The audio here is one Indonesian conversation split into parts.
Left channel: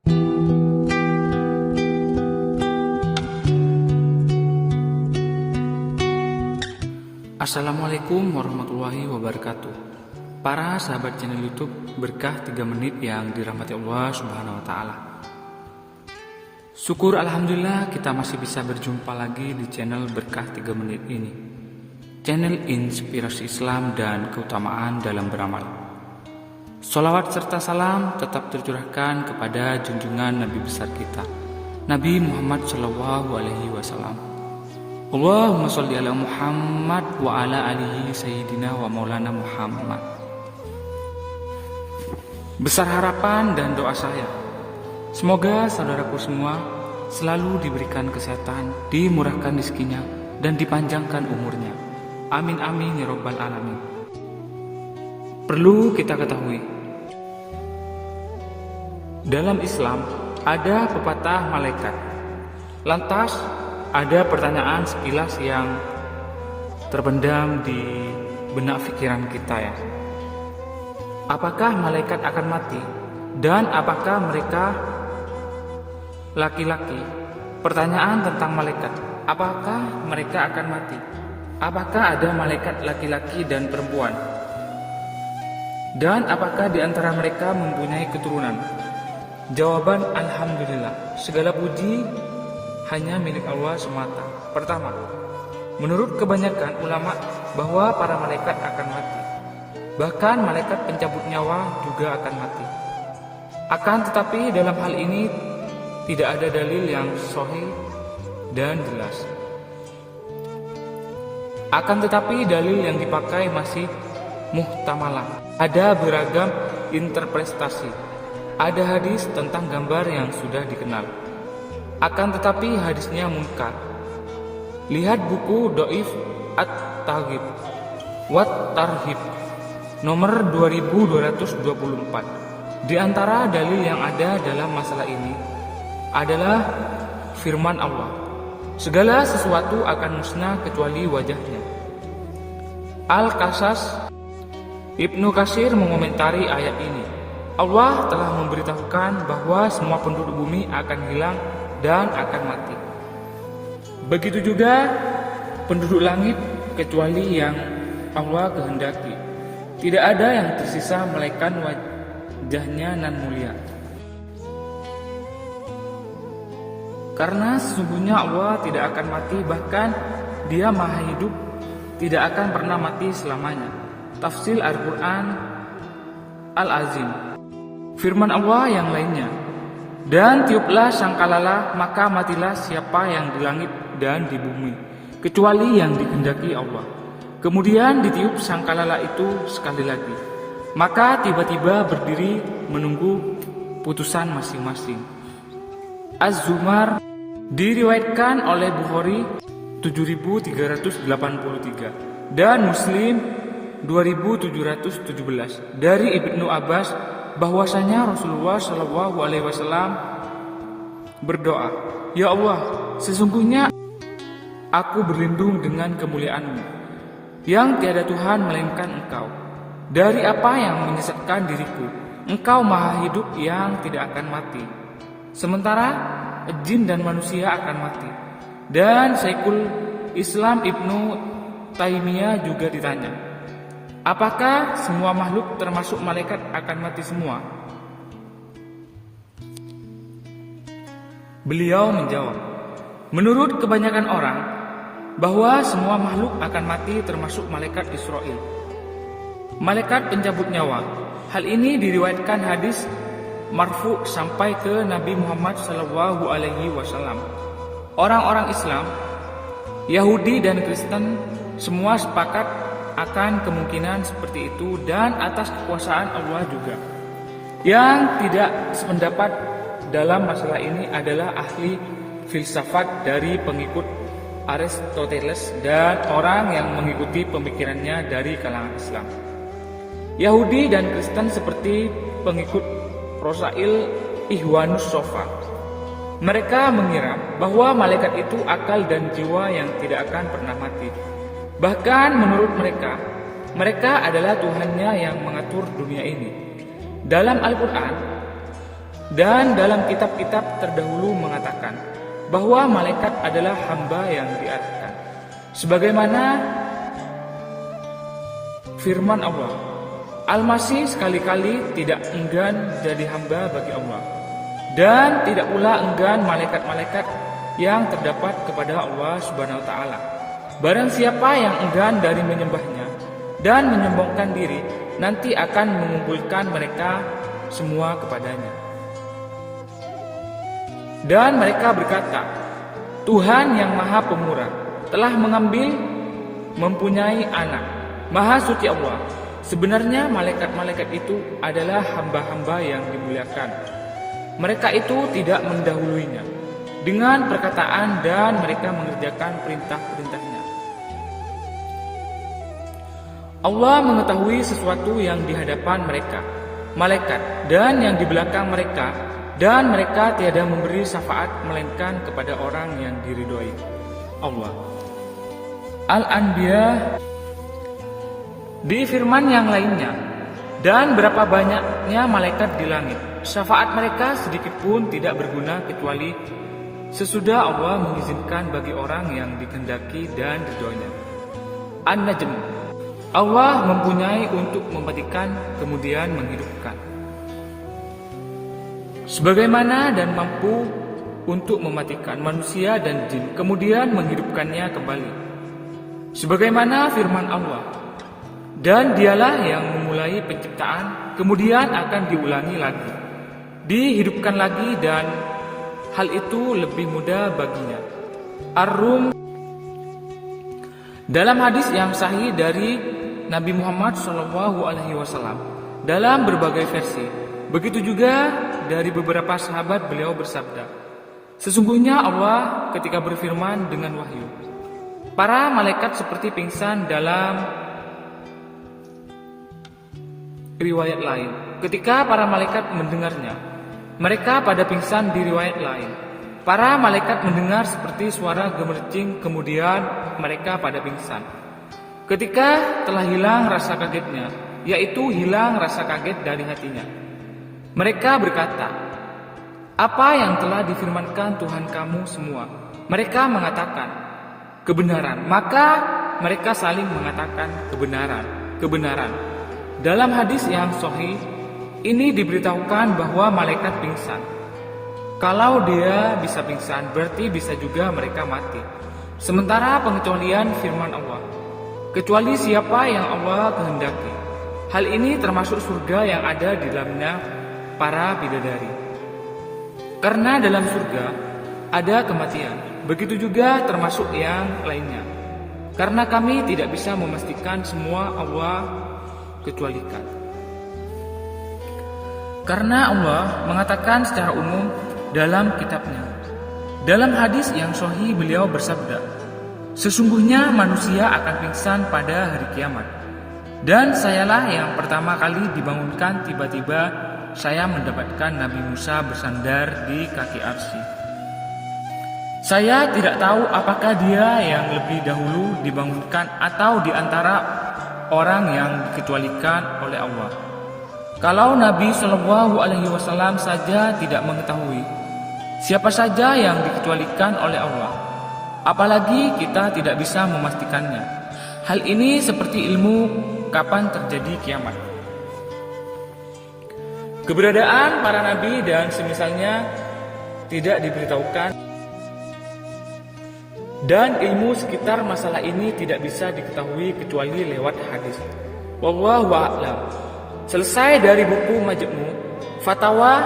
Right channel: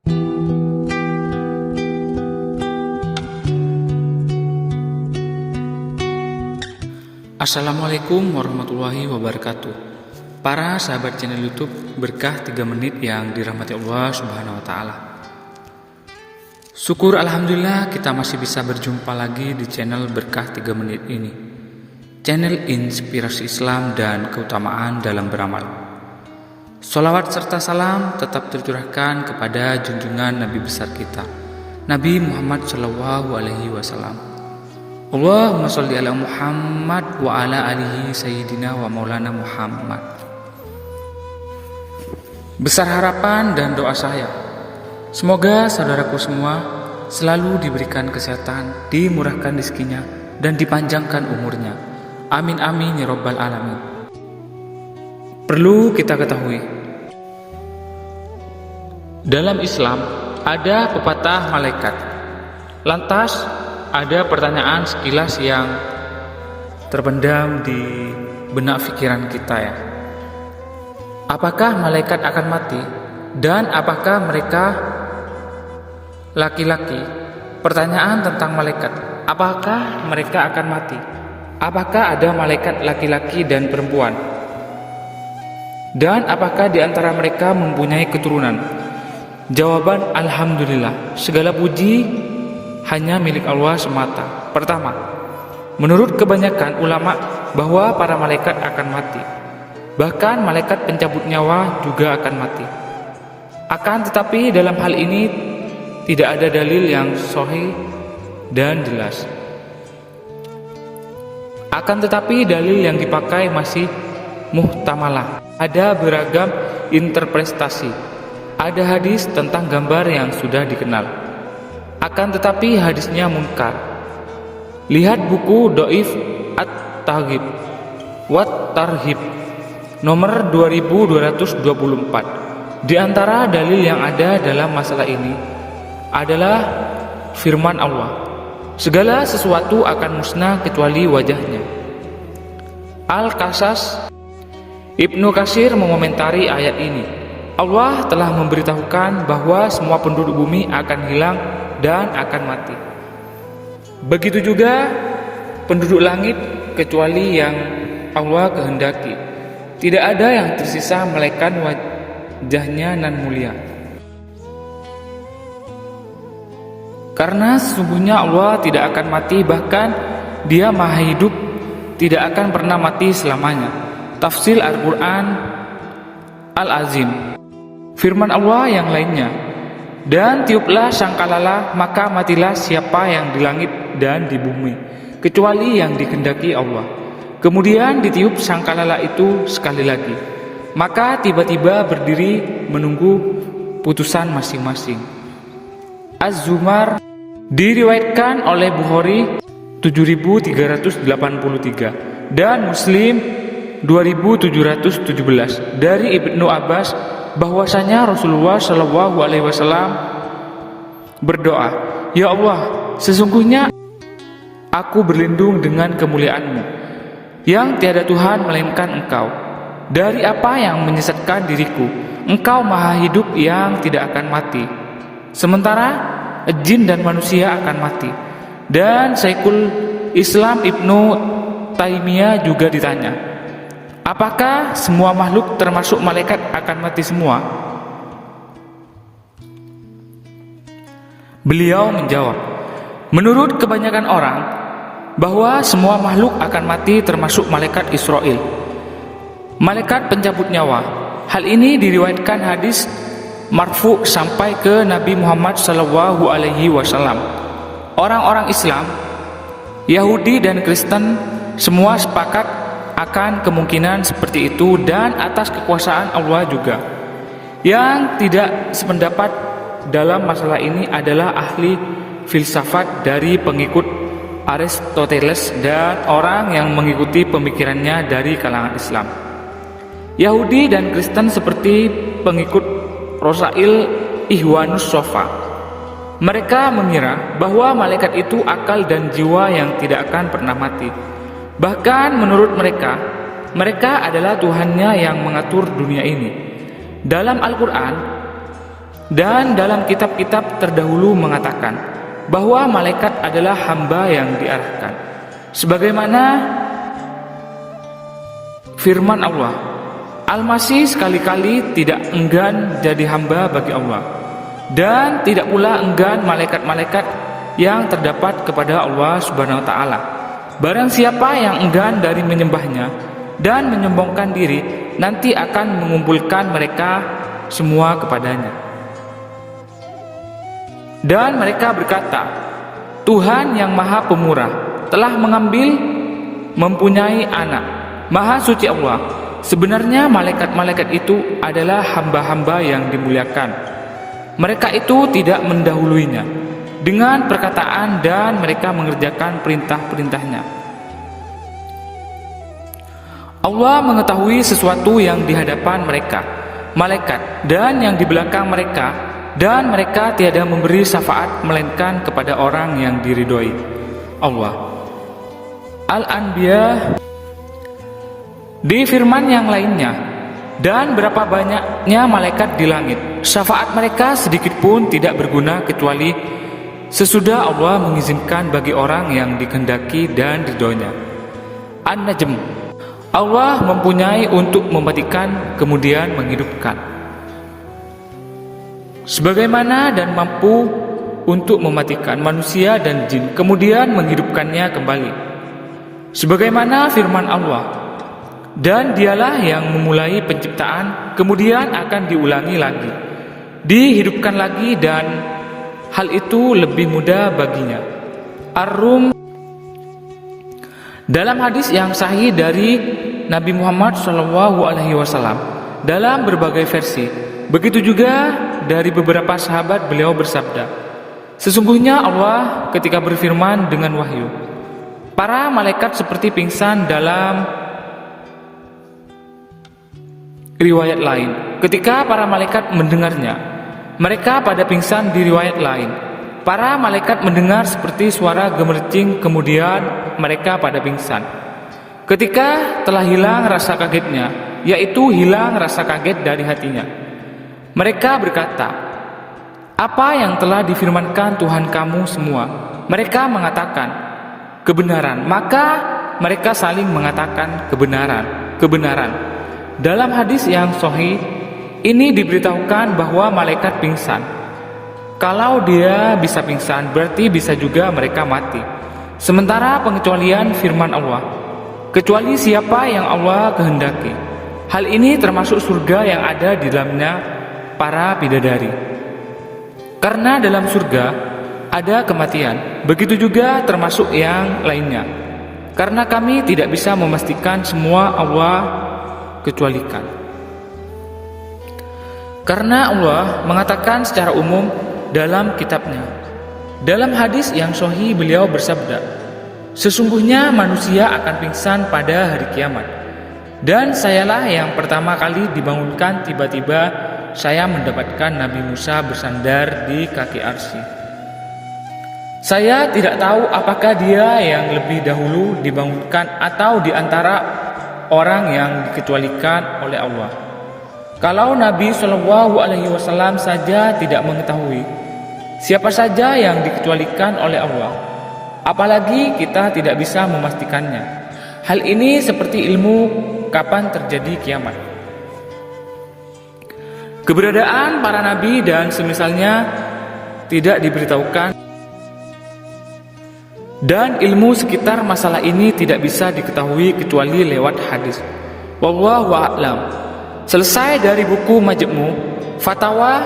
Assalamualaikum warahmatullahi wabarakatuh. Para sahabat channel YouTube Berkah 3 Menit yang dirahmati Allah Subhanahu wa taala. Syukur alhamdulillah kita masih bisa berjumpa lagi di channel Berkah 3 Menit ini. Channel inspirasi Islam dan keutamaan dalam beramal. Sholawat serta salam tetap tercurahkan kepada junjungan Nabi besar kita, Nabi Muhammad SAW. Allahumma sholli ala Muhammad wa ala alihi sayyidina wa maulana Muhammad. Besar harapan dan doa saya, semoga saudaraku semua selalu diberikan kesehatan, dimurahkan rezekinya, dan dipanjangkan umurnya. Amin amin ya rabbal alamin. Perlu kita ketahui, dalam Islam ada pepatah malaikat. Lantas ada pertanyaan sekilas yang terpendam di benak pikiran kita ya. Apakah malaikat akan mati? Dan apakah mereka laki-laki? Pertanyaan tentang malaikat. Apakah mereka akan mati? Apakah ada malaikat laki-laki dan perempuan? Dan apakah di antara mereka mempunyai keturunan? Jawaban alhamdulillah. Segala puji hanya milik Allah semata. Pertama, menurut kebanyakan ulama bahwa para malaikat akan mati. Bahkan malaikat pencabut nyawa juga akan mati. Akan tetapi dalam hal ini tidak ada dalil yang sahih dan jelas. Akan tetapi dalil yang dipakai masih muhtamalah. Ada beragam interpretasi. Ada hadis tentang gambar yang sudah dikenal. Akan tetapi hadisnya munkar. Lihat buku Dhaif At-Targhib wa Tarhib nomor 2224. Di antara dalil yang ada dalam masalah ini adalah firman Allah, segala sesuatu akan musnah kecuali wajahnya. Al-Qasas. Ibnu Katsir mengomentari ayat ini. Allah telah memberitahukan bahwa semua penduduk bumi akan hilang dan akan mati. Begitu juga penduduk langit kecuali yang Allah kehendaki. Tidak ada yang tersisa melainkan wajahnya nan mulia. Karena sesungguhnya Allah tidak akan mati, bahkan Dia Maha Hidup, tidak akan pernah mati selamanya. Tafsir Al-Quran Al-Azim. Firman Allah yang lainnya, dan tiuplah sangkalala, maka matilah siapa yang di langit dan di bumi, kecuali yang dikehendaki Allah. Kemudian ditiup sangkalala itu sekali lagi, maka tiba-tiba berdiri menunggu putusan masing-masing. Az-Zumar. Diriwayatkan oleh Bukhari 7383 dan Muslim 2717 dari Ibnu Abbas bahwasanya Rasulullah SAW berdoa, ya Allah, sesungguhnya aku berlindung dengan kemuliaan-Mu yang tiada Tuhan melainkan Engkau dari apa yang menyesatkan diriku. Engkau Maha Hidup yang tidak akan mati, sementara jin dan manusia akan mati. Dan Syekhul Islam Ibnu Taimiyah juga ditanya, apakah semua makhluk termasuk malaikat akan mati semua? Beliau menjawab, menurut kebanyakan orang bahwa semua makhluk akan mati termasuk malaikat Israel, malaikat pencabut nyawa. Hal ini diriwayatkan hadis marfu sampai ke Nabi Muhammad SAW. Orang-orang Islam, Yahudi dan Kristen semua sepakat akan kemungkinan seperti itu dan atas kekuasaan Allah juga. Yang tidak sependapat dalam masalah ini adalah ahli filsafat dari pengikut Aristoteles dan orang yang mengikuti pemikirannya dari kalangan Islam. Yahudi dan Kristen seperti pengikut Rosail Ihwanus Sofa. Mereka mengira bahwa malaikat itu akal dan jiwa yang tidak akan pernah mati. Bahkan menurut mereka, mereka adalah Tuhannya yang mengatur dunia ini. Dalam Al-Quran, Dan dalam kitab-kitab terdahulu mengatakan bahwa malaikat adalah hamba yang diarahkan. Sebagaimana firman Allah, Al-Masih sekali-kali tidak enggan jadi hamba bagi Allah, dan tidak pula enggan malaikat-malaikat yang terdapat kepada Allah Subhanahu wa taala. Barang siapa yang enggan dari menyembahnya dan menyombongkan diri, nanti akan mengumpulkan mereka semua kepadanya. Dan mereka berkata, Tuhan yang Maha Pemurah telah mempunyai anak. Maha suci Allah, sebenarnya malaikat-malaikat itu adalah hamba-hamba yang dimuliakan. Mereka itu tidak mendahuluinya dengan perkataan, dan mereka mengerjakan perintah-perintahnya. Allah mengetahui sesuatu yang di hadapan mereka, malaikat, dan yang di belakang mereka, dan mereka tiada memberi syafaat melainkan kepada orang yang diridhoi Allah. Al-Anbiya. Di firman yang lainnya, dan berapa banyaknya malaikat di langit, syafaat mereka sedikit pun tidak berguna kecuali sesudah Allah mengizinkan bagi orang yang dikehendaki dan ridhonya. An-Najm. Allah mempunyai untuk mematikan kemudian menghidupkan, sebagaimana dan mampu untuk mematikan manusia dan jin kemudian menghidupkannya kembali, sebagaimana firman Allah, dan dialah yang memulai penciptaan kemudian akan diulangi lagi, dihidupkan lagi, dan hal itu lebih mudah baginya. Ar-Rum. Dalam hadis yang sahih dari Nabi Muhammad SAW dalam berbagai versi, begitu juga dari beberapa sahabat, beliau bersabda, sesungguhnya Allah ketika berfirman dengan wahyu, para malaikat seperti pingsan. Dalam riwayat lain, ketika para malaikat mendengarnya, mereka pada pingsan. Di riwayat lain, para malaikat mendengar seperti suara gemericing, kemudian mereka pada pingsan. Ketika telah hilang rasa kagetnya, yaitu hilang rasa kaget dari hatinya, mereka berkata, apa yang telah difirmankan Tuhan kamu semua? Mereka mengatakan, kebenaran. Maka mereka saling mengatakan, kebenaran, kebenaran. Dalam hadis yang sahih ini diberitahukan bahwa malaikat pingsan. Kalau dia bisa pingsan, berarti bisa juga mereka mati. Sementara pengecualian firman Allah, kecuali siapa yang Allah kehendaki. Hal ini termasuk surga yang ada di dalamnya para bidadari. Karena dalam surga ada kematian, begitu juga termasuk yang lainnya. Karena kami tidak bisa memastikan semua, Allah kecualikan. Karena Allah mengatakan secara umum dalam kitabnya. Dalam hadis yang sahih beliau bersabda, sesungguhnya manusia akan pingsan pada hari kiamat, dan sayalah yang pertama kali dibangunkan. Tiba-tiba saya mendapatkan Nabi Musa bersandar di kaki arsy. Saya tidak tahu apakah dia yang lebih dahulu dibangunkan atau di antara orang yang dikecualikan oleh Allah. Kalau Nabi SAW saja tidak mengetahui siapa saja yang dikecualikan oleh Allah, apalagi kita tidak bisa memastikannya. Hal ini seperti ilmu kapan terjadi kiamat. Keberadaan para nabi dan semisalnya tidak diberitahukan, dan ilmu sekitar masalah ini tidak bisa diketahui kecuali lewat hadis. Wallahu a'lam. Selesai dari buku Majmu' Fatawa.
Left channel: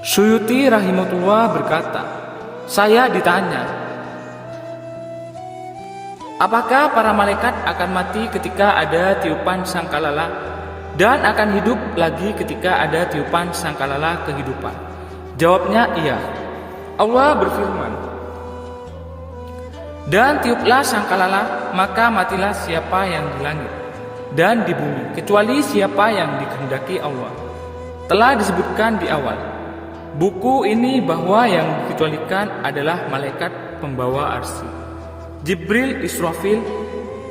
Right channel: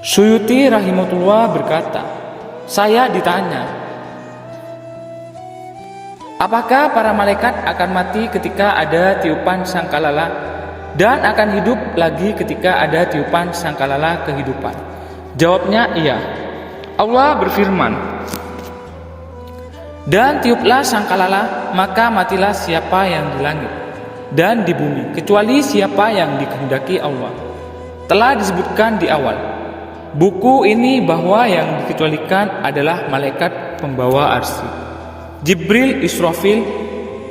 Suyuti rahimahullah berkata, saya ditanya, apakah para malaikat akan mati ketika ada tiupan sangkalala dan akan hidup lagi ketika ada tiupan sangkalala kehidupan? Jawabnya iya. Allah berfirman, dan tiuplah sangkalala, maka matilah siapa yang di langit dan di bumi, kecuali siapa yang dikehendaki Allah. Telah disebutkan di awal buku ini bahwa yang dikecualikan adalah malaikat pembawa arsy, Jibril, Israfil,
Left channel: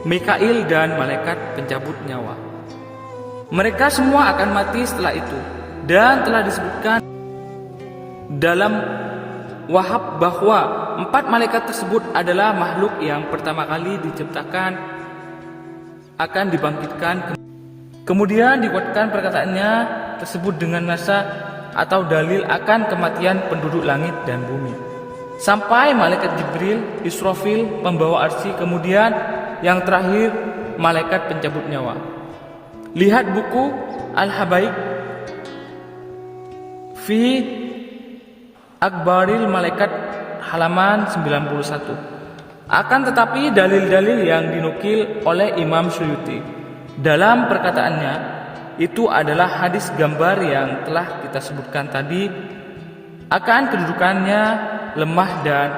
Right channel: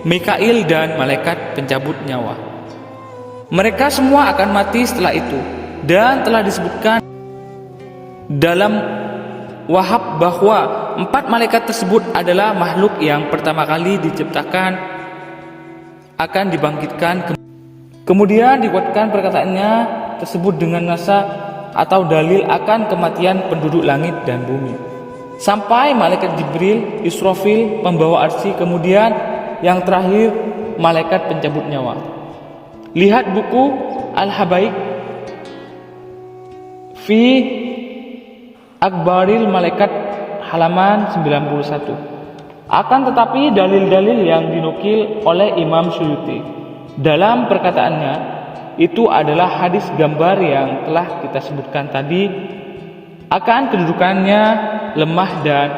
Mikail, dan malaikat pencabut nyawa. Mereka semua akan mati setelah itu, dan telah disebutkan dalam Wahab bahwa 4 malaikat tersebut adalah makhluk yang pertama kali diciptakan akan dibangkitkan. Kemudian dikuatkan perkataannya tersebut dengan nasa atau dalil akan kematian penduduk langit dan bumi. Sampai malaikat Jibril, Israfil, pembawa arsy, kemudian yang terakhir malaikat pencabut nyawa. Lihat buku Al-Habaik fi Akbaril Malaikat halaman 91. Akan tetapi dalil-dalil yang dinukil oleh Imam Suyuti dalam perkataannya itu adalah hadis gambar yang telah kita sebutkan tadi akan kedudukannya, lemah dan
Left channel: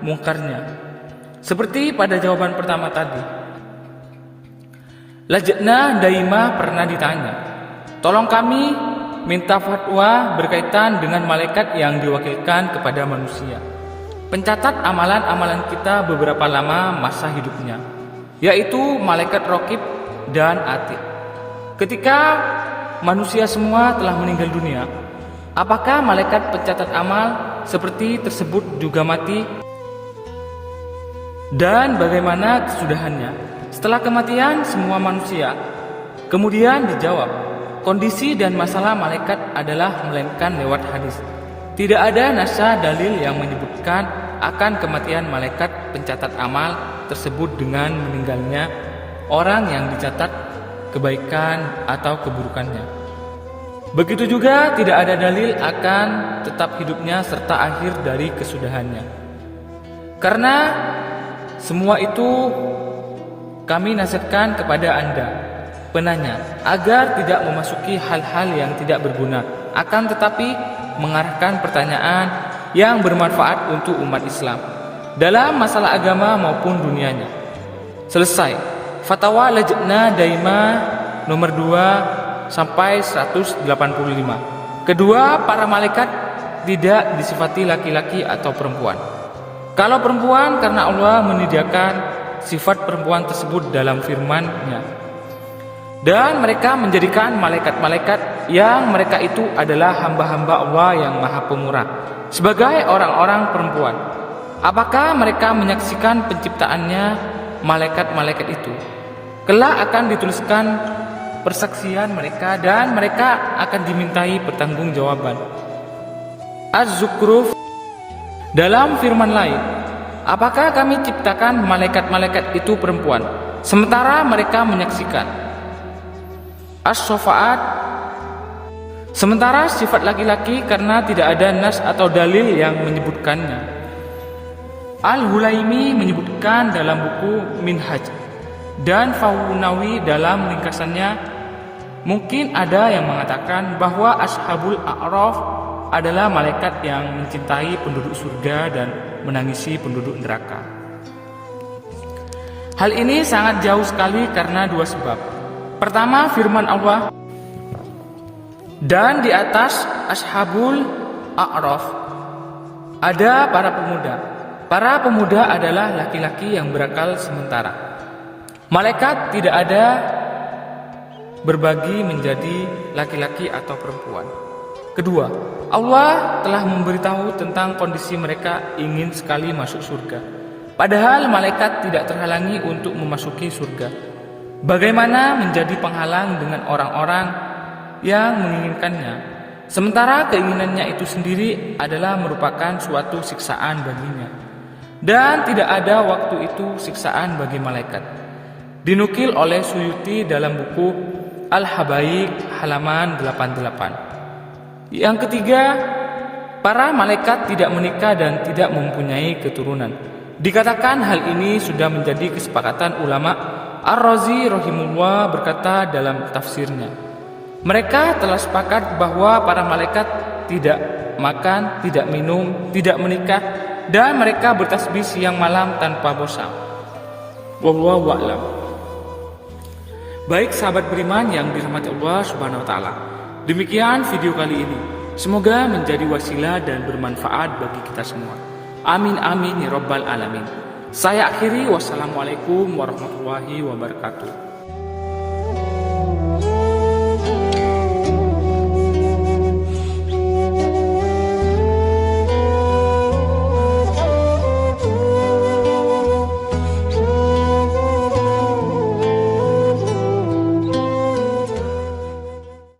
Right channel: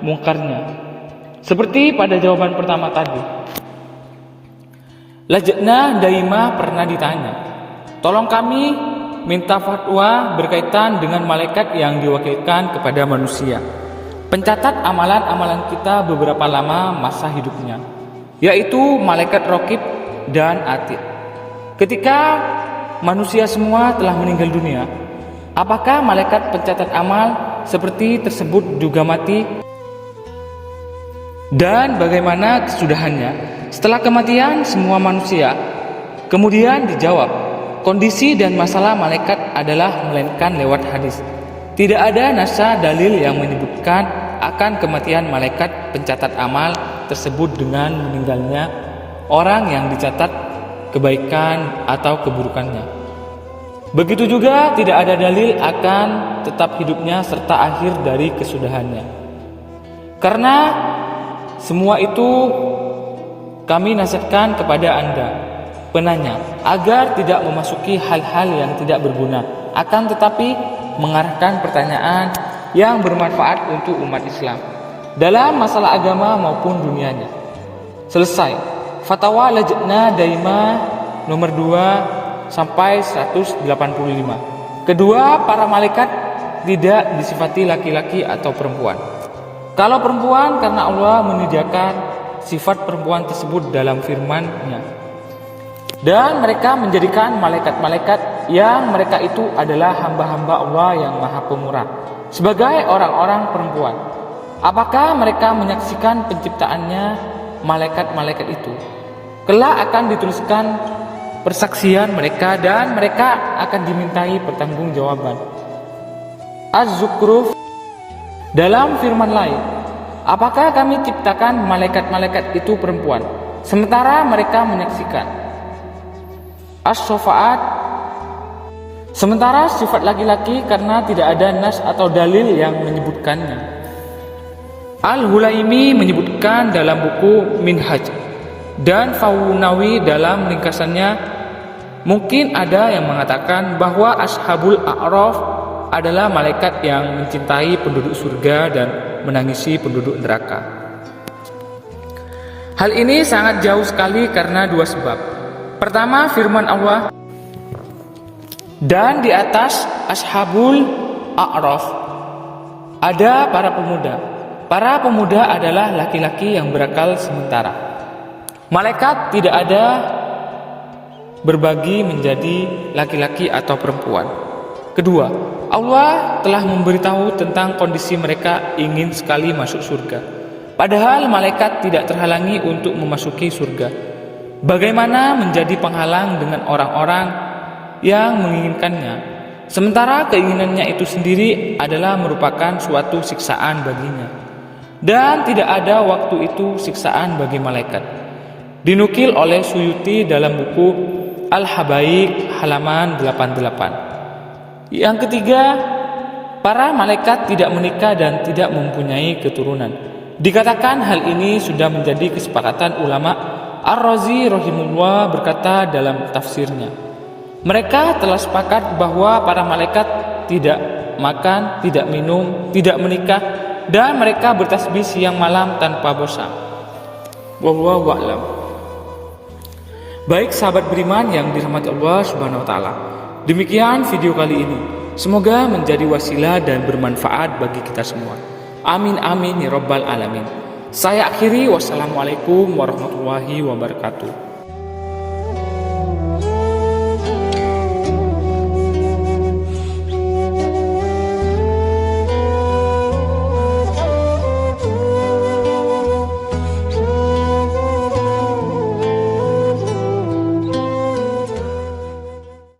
mungkarnya. Seperti pada jawaban pertama tadi. Lajnah Daimah pernah ditanya, tolong kami minta fatwa berkaitan dengan malaikat yang diwakilkan kepada manusia, pencatat amalan-amalan kita beberapa lama masa hidupnya, yaitu malaikat Raqib dan Atid. Ketika manusia semua telah meninggal dunia, apakah malaikat pencatat amal seperti tersebut juga mati? Dan bagaimana kesudahannya setelah kematian semua manusia? Kemudian dijawab, kondisi dan masalah malaikat adalah melainkan lewat hadis. Tidak ada nasa dalil yang menyebutkan akan kematian malaikat pencatat amal tersebut dengan meninggalnya orang yang dicatat kebaikan atau keburukannya. Begitu juga tidak ada dalil akan tetap hidupnya serta akhir dari kesudahannya. Karena semua itu kami nasihatkan kepada Anda, penanya, agar tidak memasuki hal-hal yang tidak berguna, akan tetapi mengarahkan pertanyaan yang bermanfaat untuk umat Islam dalam masalah agama maupun dunianya. Selesai. Fatwa Lajnah Daimah nomor 2 sampai 185. Kedua, para malaikat tidak disifati laki-laki atau perempuan. Kalau perempuan, karena Allah menyediakan sifat perempuan tersebut dalam firman-Nya. Dan mereka menjadikan malaikat-malaikat yang mereka itu adalah hamba-hamba Allah yang Maha Pemurah sebagai orang-orang perempuan. Apakah mereka menyaksikan penciptaannya malaikat-malaikat itu? Kelak akan dituliskan persaksian mereka dan mereka akan dimintai pertanggungjawaban. Az-Zukhruf dalam firman lain, apakah kami ciptakan malaikat-malaikat itu perempuan, sementara mereka menyaksikan? As-Sofa'at, sementara sifat laki-laki karena tidak ada nas atau dalil yang menyebutkannya. Al-Hulaimi menyebutkan dalam buku Minhaj dan Faunawi dalam ringkasannya, mungkin ada yang mengatakan bahwa Ashabul A'raf adalah malaikat yang mencintai penduduk surga dan menangisi penduduk neraka. Hal ini sangat jauh sekali karena dua sebab. Pertama, firman Allah, dan di atas Ashabul A'raf ada para pemuda. Para pemuda adalah laki-laki yang berakal sementara. Malaikat tidak ada berbagi menjadi laki-laki atau perempuan. Kedua, Allah telah memberitahu tentang kondisi mereka ingin sekali masuk surga, padahal malaikat tidak terhalangi untuk memasuki surga. Bagaimana menjadi penghalang dengan orang-orang yang menginginkannya, sementara keinginannya itu sendiri adalah merupakan suatu siksaan baginya, dan tidak ada waktu itu siksaan bagi malaikat. Dinukil oleh Suyuti dalam buku Al-Habaik halaman 88. Yang ketiga, para malaikat tidak menikah dan tidak mempunyai keturunan. Dikatakan hal ini sudah menjadi kesepakatan ulama. Ar-Razi rahimullah berkata dalam tafsirnya, mereka telah sepakat bahwa para malaikat tidak makan, tidak minum, tidak menikah, dan mereka bertasbih siang malam tanpa bosan. Wallahu a'lam. Baik sahabat beriman yang dirahmati Allah Subhanahu wa taala, demikian video kali ini. Semoga menjadi wasilah dan bermanfaat bagi kita semua. Amin amin ya rabbal alamin. Saya akhiri, wassalamualaikum warahmatullahi wabarakatuh.